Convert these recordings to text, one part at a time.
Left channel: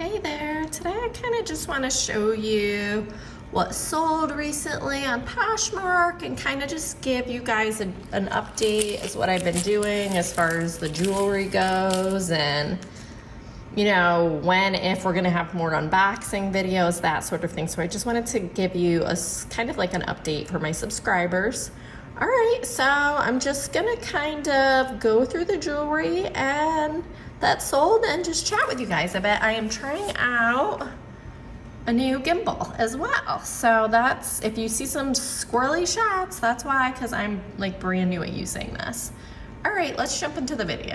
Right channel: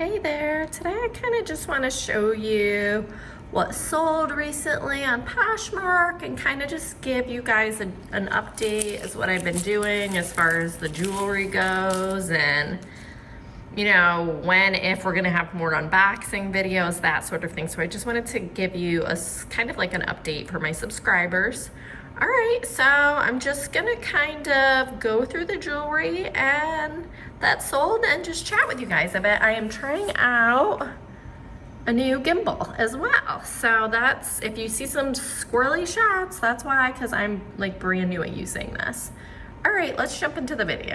Hey there, today I kind of just want to show you what sold recently on Poshmark and kind of just give you guys an update as what I've been doing as far as the jewelry goes, and you know, if we're gonna have more unboxing videos, that sort of thing. So I just wanted to give you a kind of like an update for my subscribers. All right, so I'm just gonna kind of go through the jewelry and that sold and just chat with you guys a bit. I am trying out a new gimbal as well. So that's, if you see some squirrely shots, that's why, because I'm like brand new at using this. All right, let's jump into the video.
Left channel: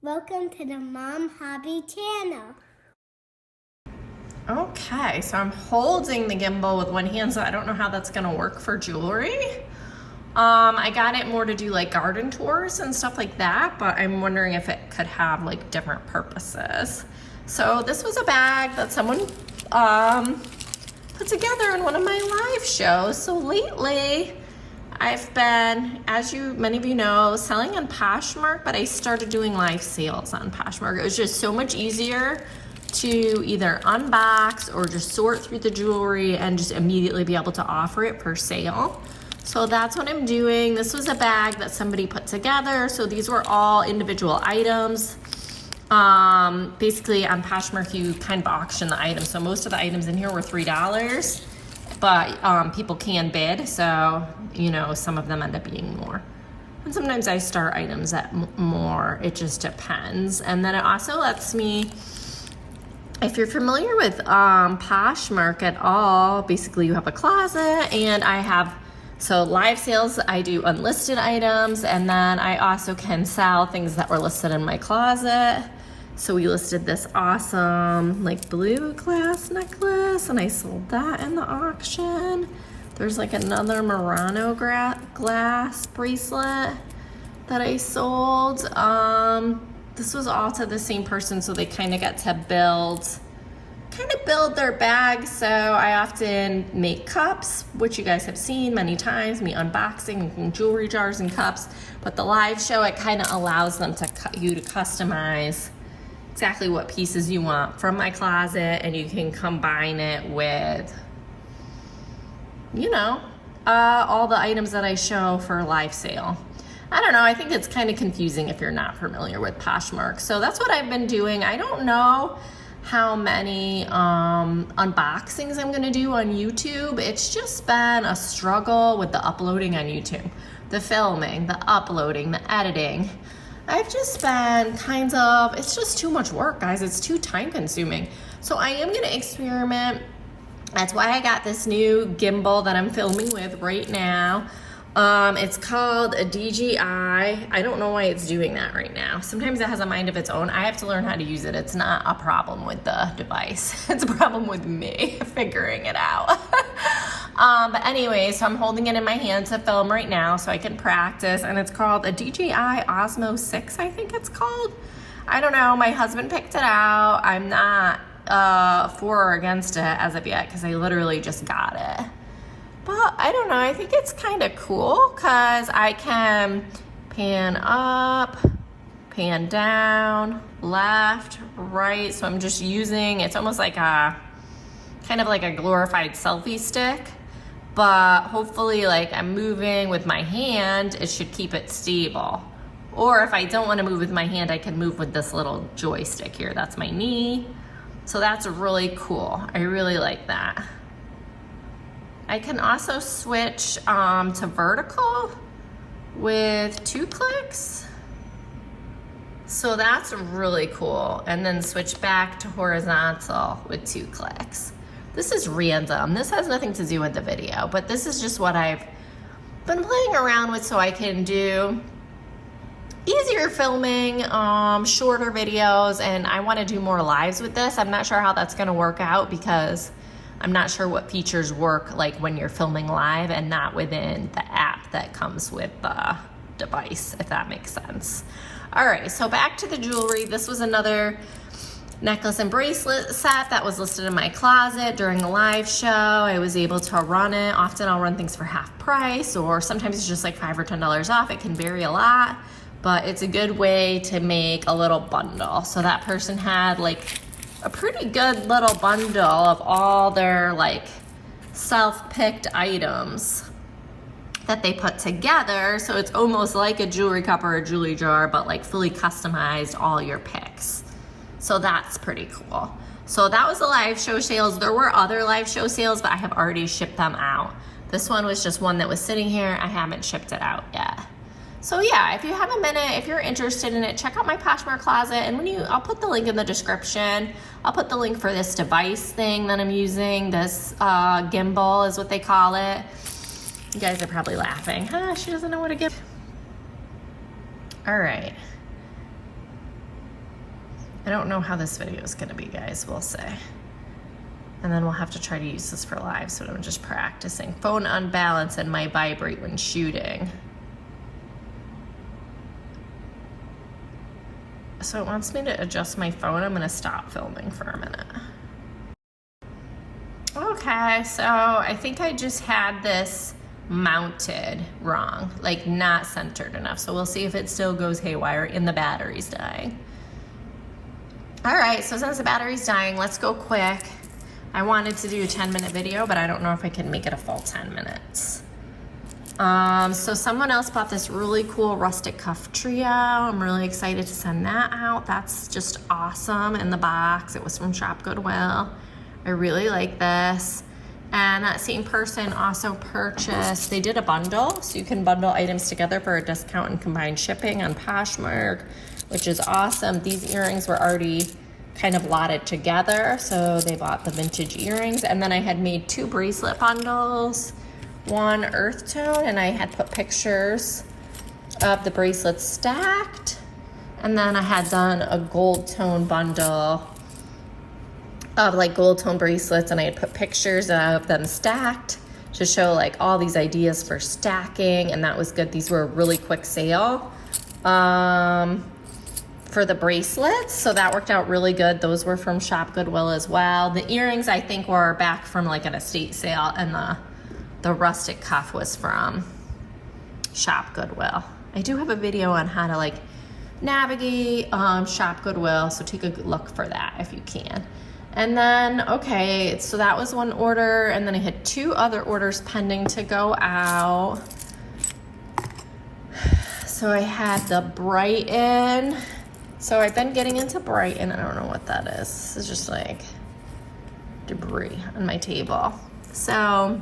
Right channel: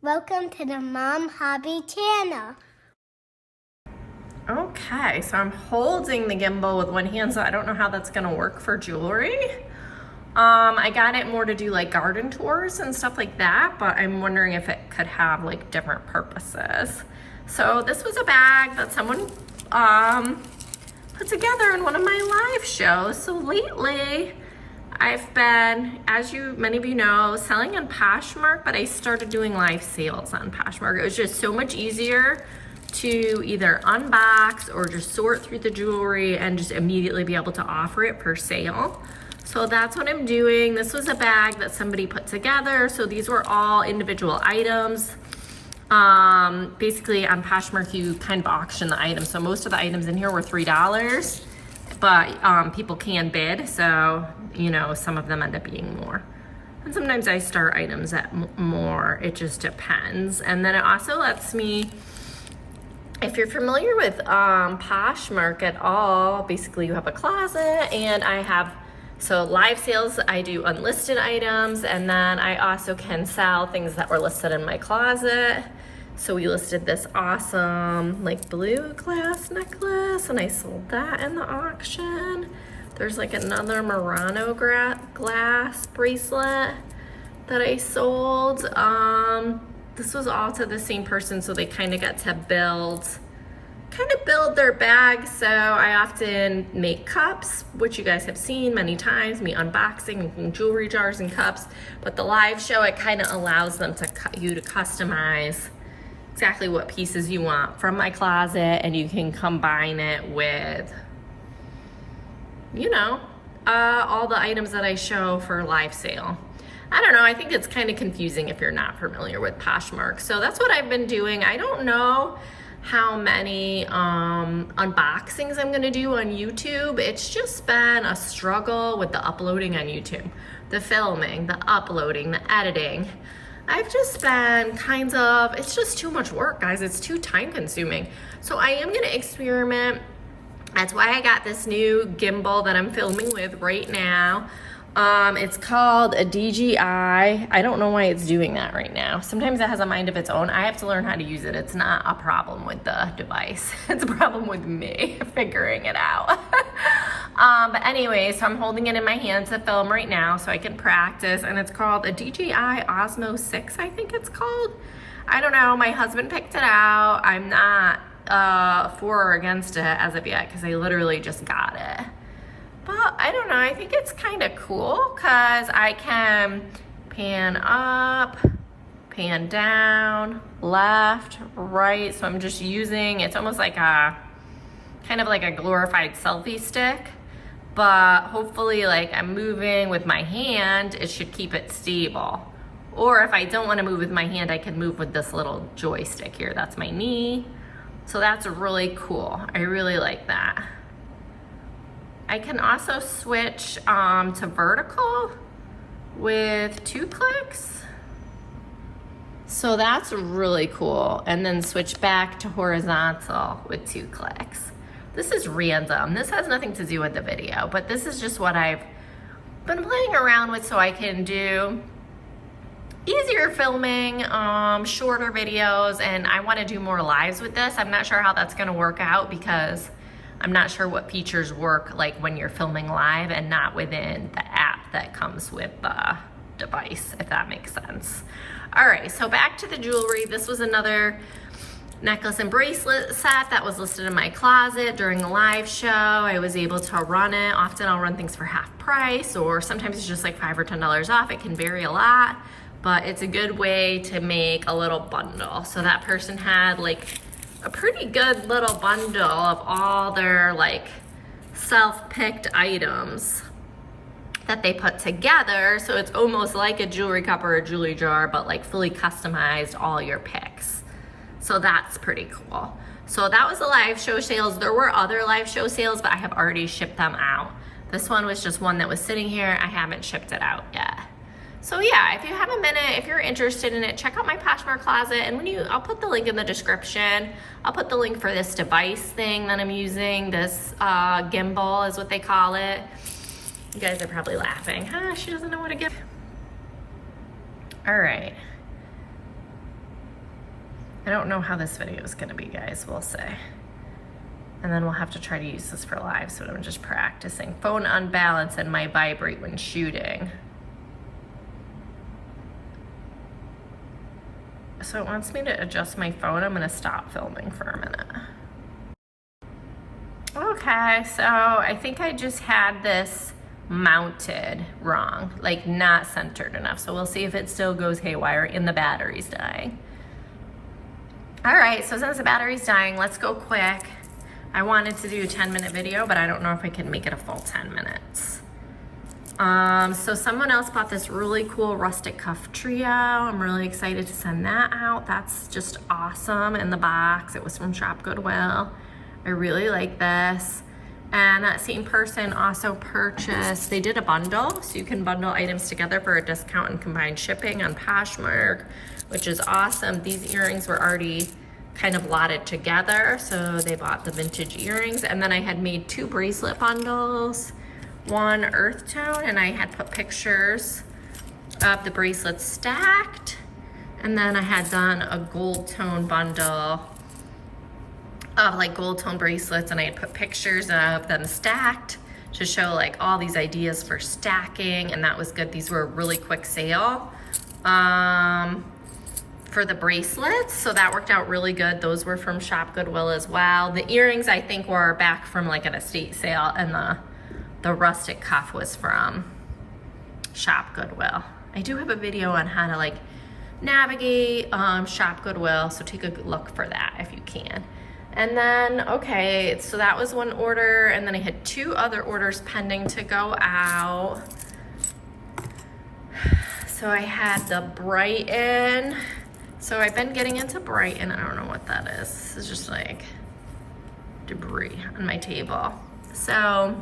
Welcome to the Mom Hobby channel. Okay, so I'm holding the gimbal with one hand, so I don't know how that's gonna work for jewelry. I got it more to do like garden tours and stuff like that, but I'm wondering if it could have like different purposes. So this was a bag that someone put together in one of my live shows. So lately, I've been, as many of you know, selling on Poshmark, but I started doing live sales on Poshmark. It was just so much easier to either unbox or just sort through the jewelry and just immediately be able to offer it for sale. So that's what I'm doing. This was a bag that somebody put together. So these were all individual items. Basically on Poshmark, you kind of auction the items. So most of the items in here were $3, but people can bid. So, you know, some of them end up being more. And sometimes I start items at more, it just depends. And then it also lets me, if you're familiar with Poshmark at all, basically you have a closet and I have, so live sales, I do unlisted items, and then I also can sell things that were listed in my closet. So we listed this awesome like blue glass necklace and I sold that in the auction. There's like another Murano glass bracelet that I sold. This was all to the same person, so they kind of got to build their bag. So I often make cups, which you guys have seen many times, me unboxing, making jewelry jars and cups. But the live show, it kind of allows them to customize exactly what pieces you want from my closet, and you can combine it with, you know, all the items that I show for live sale. I don't know, I think it's kind of confusing if you're not familiar with Poshmark. So that's what I've been doing. I don't know how many unboxings I'm gonna do on YouTube. It's just been a struggle with the uploading on YouTube. The filming, the uploading, the editing. I've just been it's just too much work, guys. It's too time consuming. So I am gonna experiment. That's why I got this new gimbal that I'm filming with right now. It's called a DJI. I don't know why it's doing that right now. Sometimes it has a mind of its own. I have to learn how to use it. It's not a problem with the device. It's a problem with me figuring it out. But anyway, so I'm holding it in my hand to film right now so I can practice, and it's called a DJI Osmo 6, I think it's called. I don't know, my husband picked it out. I'm not for or against it as of yet because I literally just got it. But I don't know, I think it's kind of cool because I can pan up, pan down, left, right. So I'm just using, it's almost like a, kind of like a glorified selfie stick, but hopefully like I'm moving with my hand, it should keep it stable. Or if I don't want to move with my hand, I can move with this little joystick here. That's my knee. So that's really cool. I really like that. I can also switch to vertical with 2 clicks. So that's really cool. And then switch back to horizontal with 2 clicks. This is random. This has nothing to do with the video, but this is just what I've been playing around with so I can do easier filming, shorter videos, and I want to do more lives with this. I'm not sure how that's going to work out because I'm not sure what features work like when you're filming live and not within the app that comes with the device, if that makes sense. All right, so back to the jewelry. This was another necklace and bracelet set that was listed in my closet during the live show. I was able to run it. Often I'll run things for half price, or sometimes it's just like $5 or $10 off. It can vary a lot. but it's a good way to make a little bundle. So that person had like a pretty good little bundle of all their like self-picked items that they put together. So it's almost like a jewelry cup or a jewelry jar, but like fully customized all your picks. So that's pretty cool. So that was the live show sales. There were other live show sales, but I have already shipped them out. This one was just one that was sitting here. I haven't shipped it out yet. So yeah, if you have a minute, if you're interested in it, check out my Poshmark closet. And I'll put the link in the description. I'll put the link for this device thing that I'm using. This gimbal is what they call it. You guys are probably laughing. Huh, she doesn't know what to give. All right. I don't know how this video is gonna be, guys, we'll say. And then we'll have to try to use this for live, so I'm just practicing. Phone unbalance and might vibrate when shooting. So it wants me to adjust my phone. I'm gonna stop filming for a minute. Okay, so I think I just had this mounted wrong, like not centered enough. So we'll see if it still goes haywire and the battery's dying. All right, so since the battery's dying, let's go quick. I wanted to do a 10-minute video, but I don't know if I can make it a full 10 minutes. So someone else bought this really cool rustic cuff trio. I'm really excited to send that out. That's just awesome in the box. It was from Shop Goodwill. I really like this. And that same person also purchased, they did a bundle, so you can bundle items together for a discount and combined shipping on Poshmark, which is awesome. These earrings were already kind of lotted together, so they bought the vintage earrings. And then I had made 2 bracelet bundles, one earth tone, and I had put pictures of the bracelets stacked. And then I had done a gold tone bundle of like gold tone bracelets, and I had put pictures of them stacked to show like all these ideas for stacking, and that was good. These were a really quick sale for the bracelets, so that worked out really good. Those were from Shop Goodwill as well. The earrings I think were back from like an estate sale, and the rustic cuff was from Shop Goodwill. I do have a video on how to like navigate Shop Goodwill, so take a good look for that if you can. And then, okay, so that was one order, and then I had 2 other orders pending to go out. So I had the Brighton. So I've been getting into Brighton. I don't know what that is. This is just like debris on my table. So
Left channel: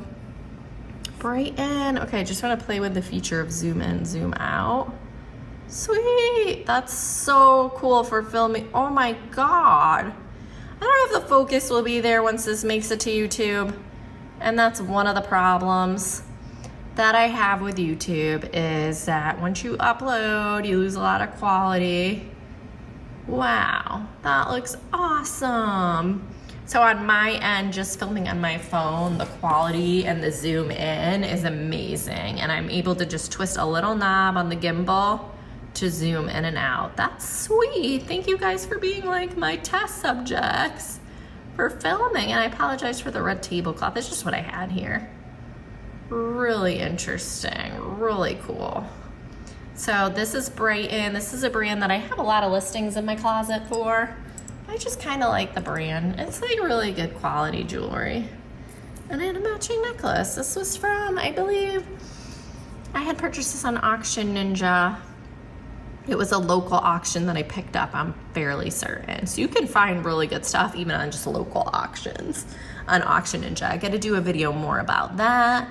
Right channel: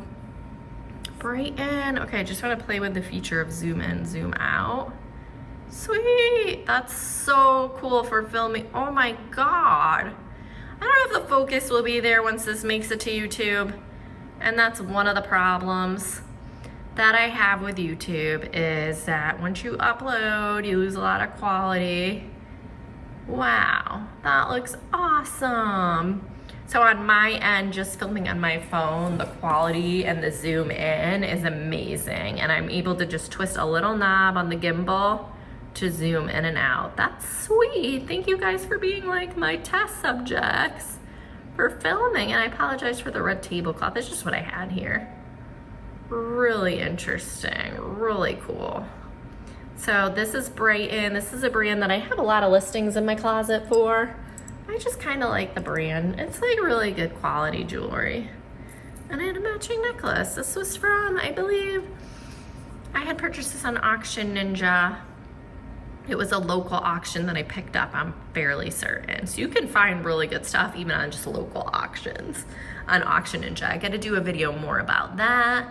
Brighton, okay, I just want to play with the feature of zoom in, zoom out. Sweet, that's so cool for filming. Oh my God. I don't know if the focus will be there once this makes it to YouTube. And that's one of the problems that I have with YouTube, is that once you upload, you lose a lot of quality. Wow, that looks awesome. So on my end, just filming on my phone, the quality and the zoom in is amazing. And I'm able to just twist a little knob on the gimbal to zoom in and out. That's sweet. Thank you guys for being like my test subjects for filming. And I apologize for the red tablecloth. It's just what I had here. Really interesting, really cool. So this is Brighton. This is a brand that I have a lot of listings in my closet for. I just kind of like the brand. It's like really good quality jewelry. And I had a matching necklace. This was from, I believe, I had purchased this on Auction Ninja. It was a local auction that I picked up, I'm fairly certain. So you can find really good stuff even on just local auctions on Auction Ninja. I gotta do a video more about that.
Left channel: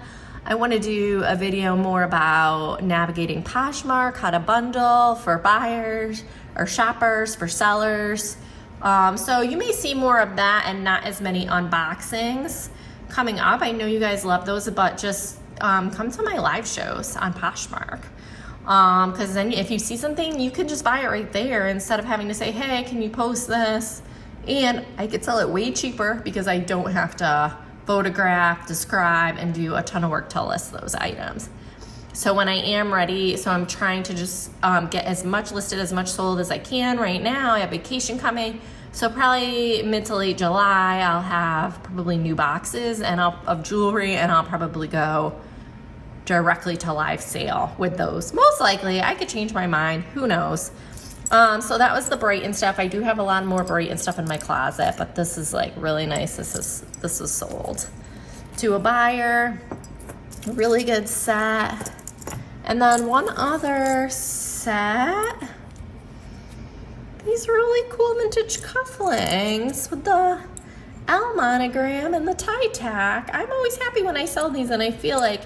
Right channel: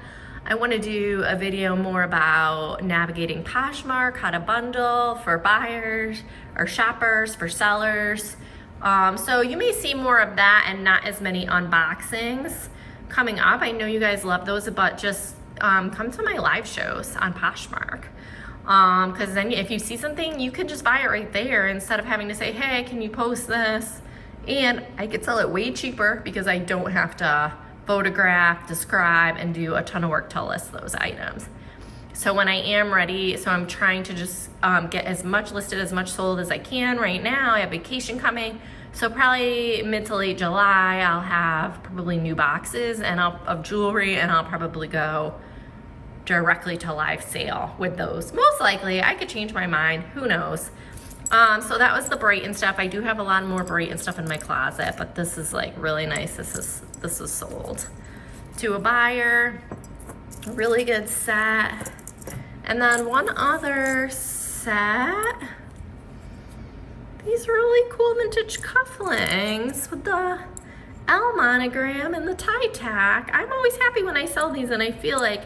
I wanna do a video more about navigating Poshmark, how to bundle for buyers or shoppers, for sellers. So you may see more of that and not as many unboxings coming up. I know you guys love those, but just come to my live shows on Poshmark. Because then if you see something, you can just buy it right there instead of having to say, hey, can you post this? And I could sell it way cheaper because I don't have to photograph, describe, and do a ton of work to list those items. So when I am ready, so I'm trying to just get as much listed, as much sold as I can right now. I have vacation coming. So probably mid to late July, I'll have probably new boxes of jewelry, and I'll probably go directly to live sale with those. Most likely, I could change my mind, who knows. So that was the Brighton stuff. I do have a lot more Brighton stuff in my closet, but this is like really nice. This is sold to a buyer. Really good set. And then one other set. These really cool vintage cufflinks with the L monogram and the tie tack. I'm always happy when I sell these, and I feel like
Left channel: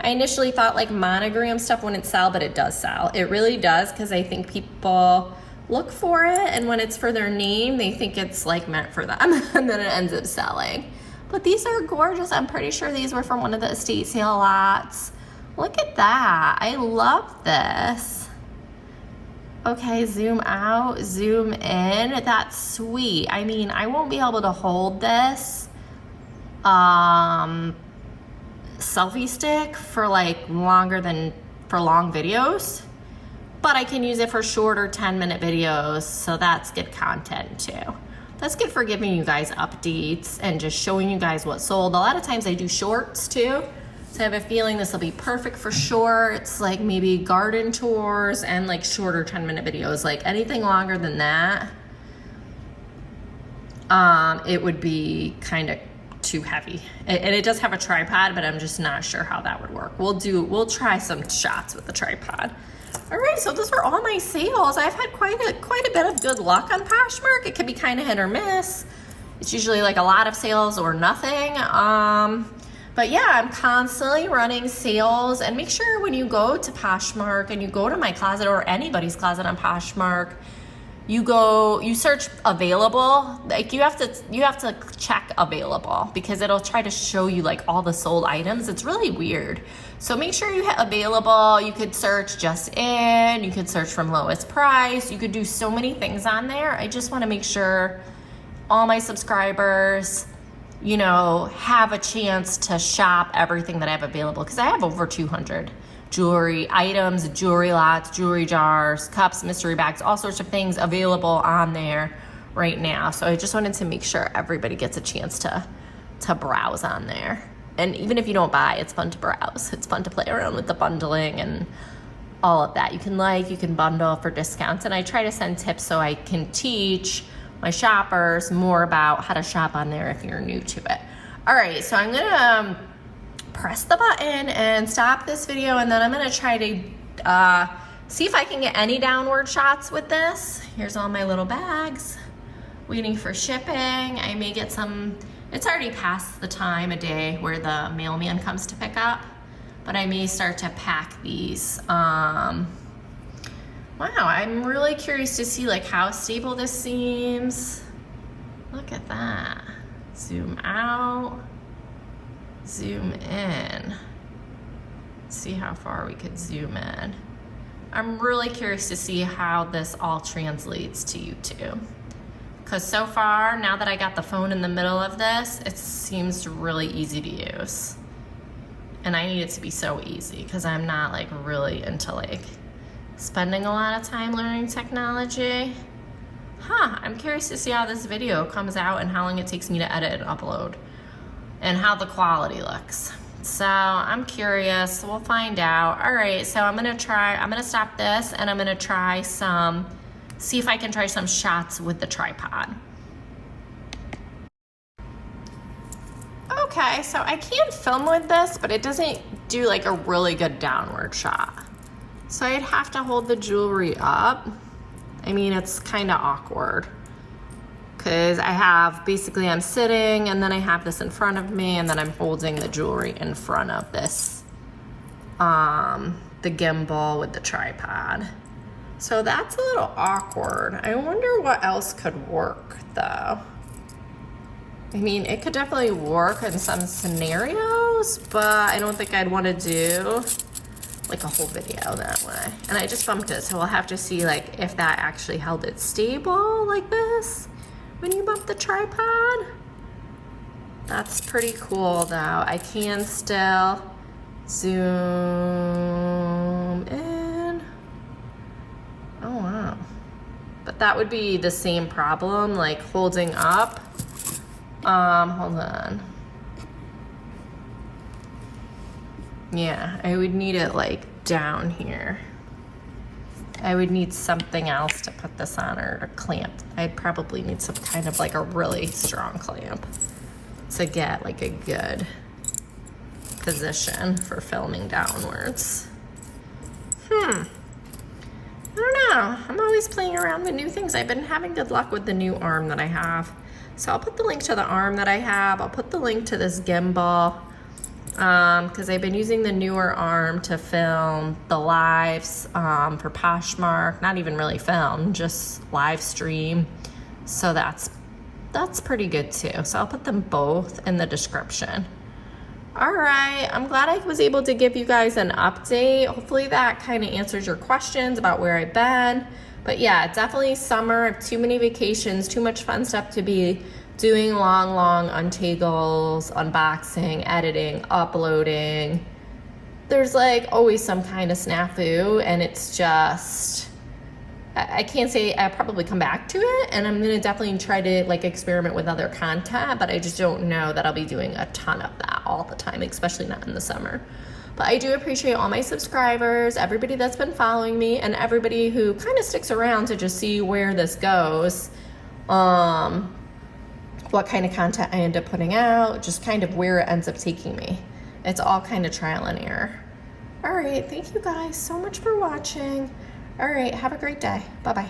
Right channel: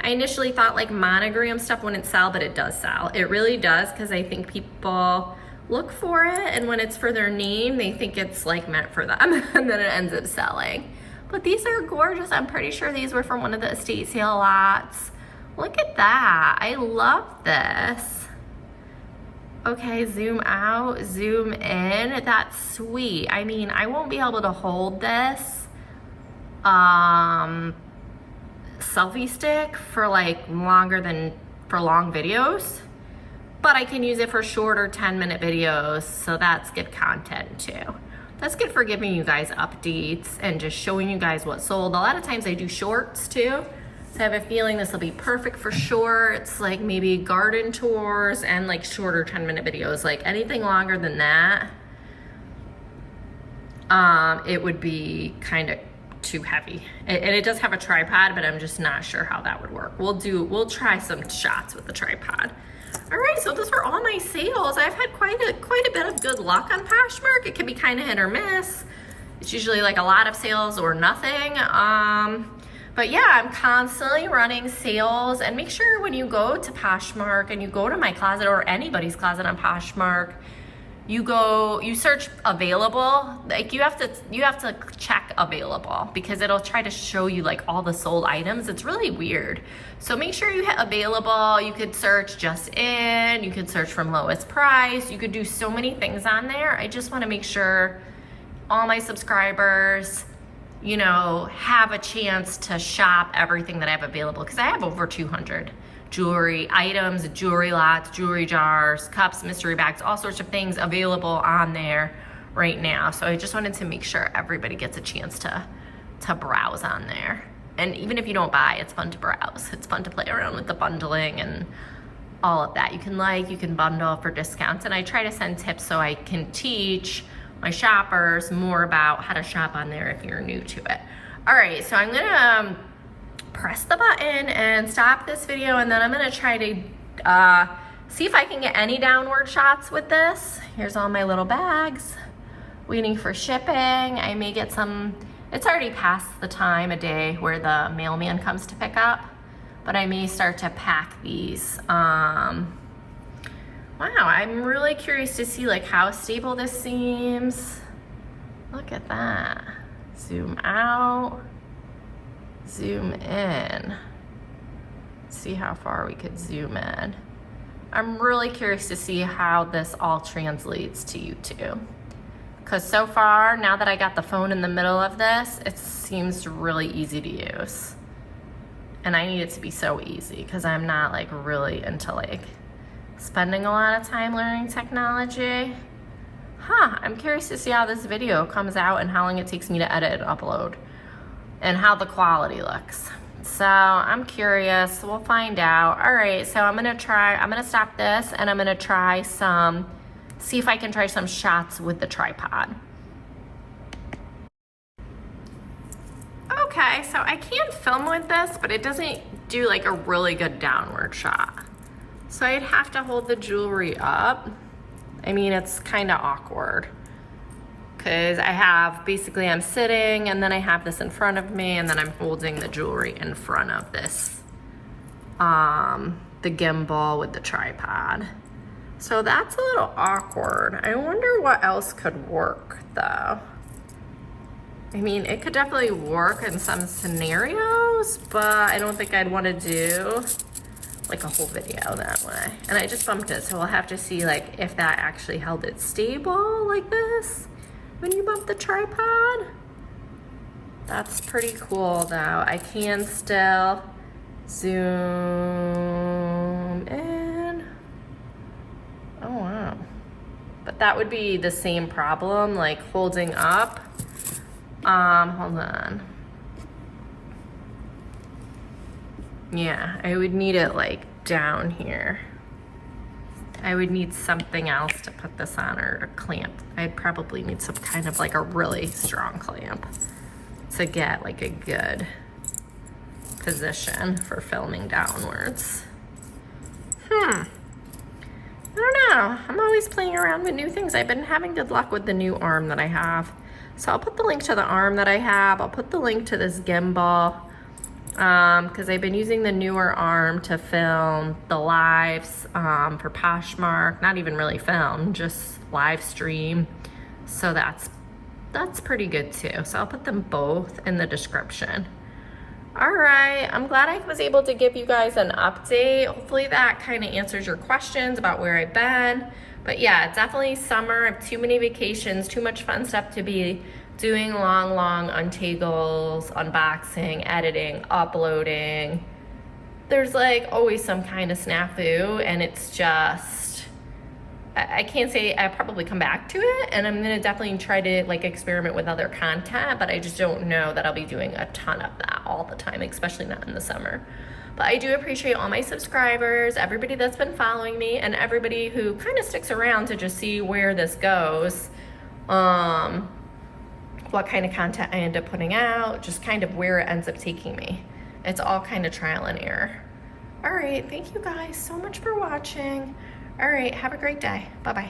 I initially thought like monogram stuff wouldn't sell, but it does sell. It really does, because I think people look for it, and when it's for their name, they think it's like meant for them, and then it ends up selling. But these are gorgeous. I'm pretty sure these were from one of the estate sale lots. Look at that. I love this. Okay, zoom out, zoom in. That's sweet. I mean, I won't be able to hold this selfie stick for like for long videos, but I can use it for shorter 10-minute videos, so that's good content too. That's good for giving you guys updates and just showing you guys what sold. A lot of times I do shorts too, so I have a feeling this will be perfect for shorts, like maybe garden tours and like shorter 10-minute videos. Like anything longer than that, it would be kind of too heavy. And it does have a tripod, but I'm just not sure how that would work. We'll try some shots with the tripod. All right, so those were all my sales. I've had quite a bit of good luck on Poshmark. It can be kind of hit or miss. It's usually like a lot of sales or nothing. But yeah, I'm constantly running sales. And make sure when you go to Poshmark and you go to my closet or anybody's closet on Poshmark, you search available. Like you have to check available, because it'll try to show you like all the sold items. It's really weird. So make sure you hit available. You could search just in, you could search from lowest price. You could do so many things on there. I just want to make sure all my subscribers, you know, have a chance to shop everything that I have available, because I have over 200 jewelry items, jewelry lots, jewelry jars, cups, mystery bags, all sorts of things available on there right now. So I just wanted to make sure everybody gets a chance to browse on there. And even if you don't buy, it's fun to browse. It's fun to play around with the bundling and all of that. You can bundle for discounts. And I try to send tips so I can teach my shoppers more about how to shop on there if you're new to it. All right, so I'm gonna press the button and stop this video, and then I'm gonna try to see if I can get any downward shots with this. Here's all my little bags, waiting for shipping. I may get some, it's already past the time of day where the mailman comes to pick up, but I may start to pack these. Wow, I'm really curious to see like how stable this seems. Look at that. Zoom out, zoom in. See how far we could zoom in. I'm really curious to see how this all translates to YouTube. Because so far, now that I got the phone in the middle of this, it seems really easy to use. And I need it to be so easy, because I'm not like really into like spending a lot of time learning technology. I'm curious to see how this video comes out and how long it takes me to edit and upload, and how the quality looks. So I'm curious, we'll find out. All right, so I'm gonna stop this, and I'm gonna try see if I can try some shots with the tripod. Okay, so I can film with this, but it doesn't do like a really good downward shot. So I'd have to hold the jewelry up. I mean, it's kind of awkward, because I'm sitting, and then I have this in front of me, and then I'm holding the jewelry in front of this, the gimbal with the tripod. So that's a little awkward. I wonder what else could work though. I mean, it could definitely work in some scenarios, but I don't think I'd want to do like a whole video that way. And I just bumped it, so we'll have to see like if that actually held it stable like this when you bump the tripod. That's pretty cool though. I can still zoom in. Oh wow. But that would be the same problem, like holding up. Hold on. Yeah, I would need it like down here. I would need something else to put this on, or a clamp. I'd probably need some kind of like a really strong clamp to get like a good position for filming downwards. I don't know. I'm always playing around with new things. I've been having good luck with the new arm that I have. So I'll put the link to the arm that I have. I'll put the link to this gimbal, because I've been using the newer arm to film the lives for Poshmark. Not even really film, just live stream. So that's pretty good too. So I'll put them both in the description. All right, I'm glad I was able to give you guys an update. Hopefully that kind of answers your questions about where I've been. But yeah, definitely summer. I have too many vacations, too much fun stuff to be doing, long untangles, unboxing, editing, uploading. There's like always some kind of snafu, and it's just, I can't say. I probably come back to it, and I'm gonna definitely try to like experiment with other content, but I just don't know that I'll be doing a ton of that all the time, especially not in the summer. But I do appreciate all my subscribers, everybody that's been following me, and everybody who kind of sticks around to just see where this goes, what kind of content I end up putting out, just kind of where it ends up taking me. It's all kind of trial and error. All right, thank you guys so much for watching. All right, have a great day. Bye-bye.